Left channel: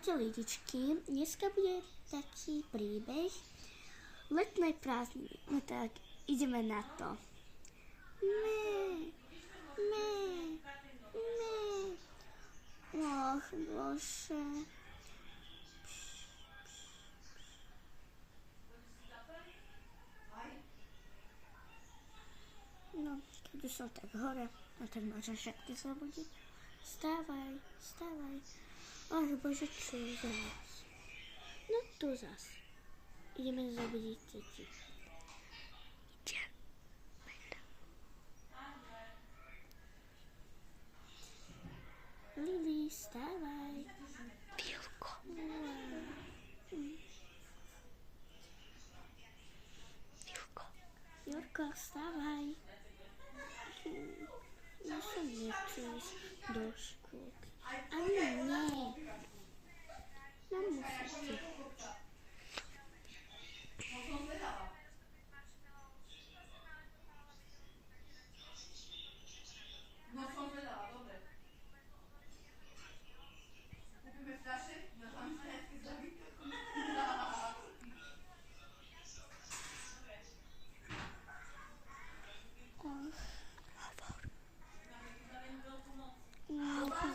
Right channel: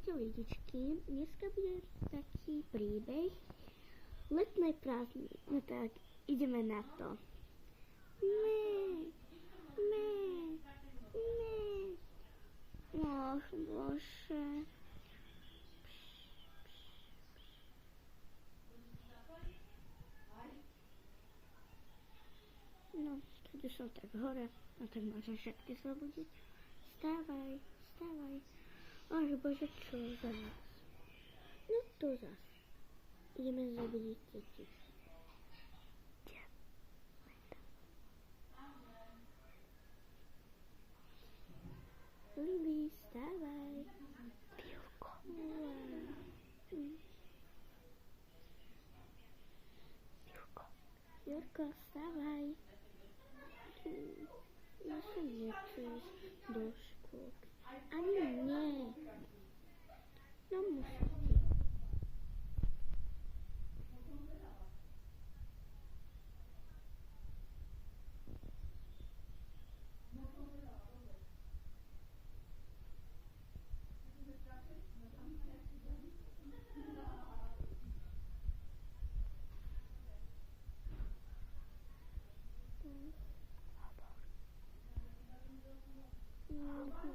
Ahojte lidičky, dneska bude taký príbeh letnej prázdniny. No tak, ideme na to. Mé. Och, bože. No, keď som tak hore, no tak môžem všetky zobudiť. Vstávaj. Ach bože, čo za nás? No to zas. Ideme zobudiť deti. Lili, vstávaj. Vilko. Jurko, vstávaj. Ja som nechcel ísť do škôlky. Ani nie. No musíte.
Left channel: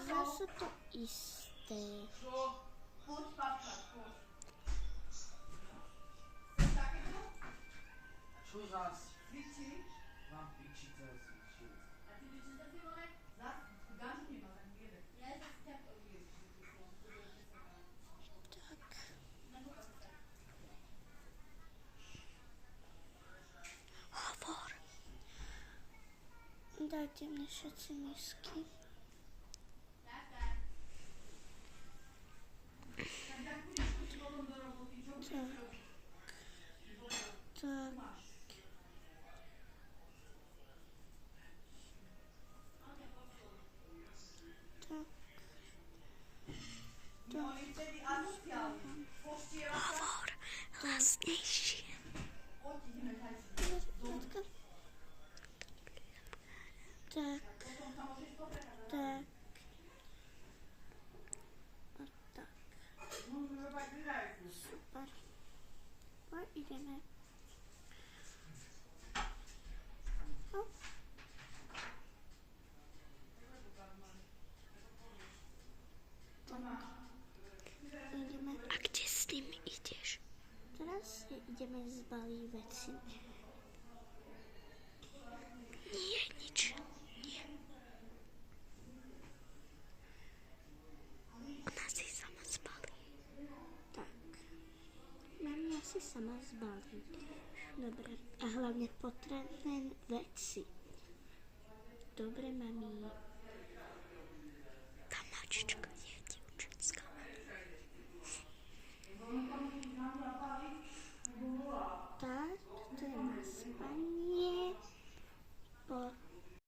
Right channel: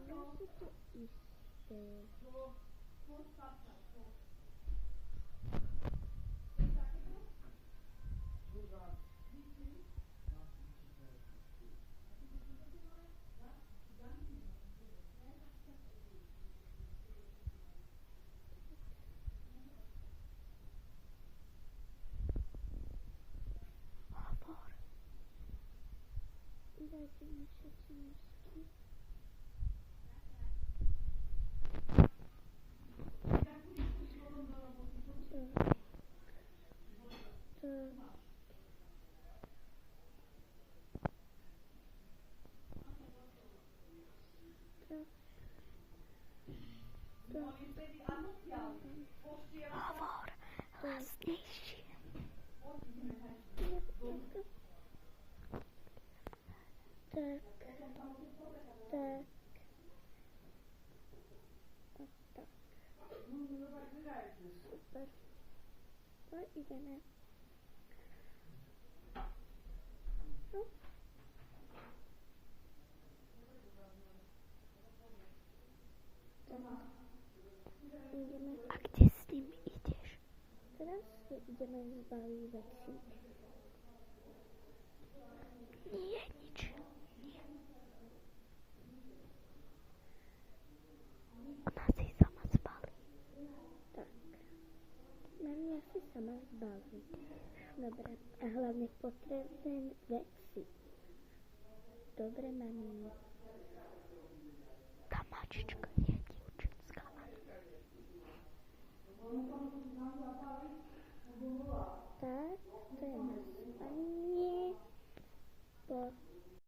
Zase to isté. Čo zás? Mám piči, co cvičil. Hovor. Dajte mi všetci misky. Hovor. Hlasnejšie. Tak. Super. Poď ideme. No. Ideme. A kde s tým ideš? Teraz ideme zbaliť veci. Nie, nič. Nie. Ona si sama zbalí. Tak. Mami asi sama zbalí. Dobre. A hlavne potrebné veci. Dobre, mami.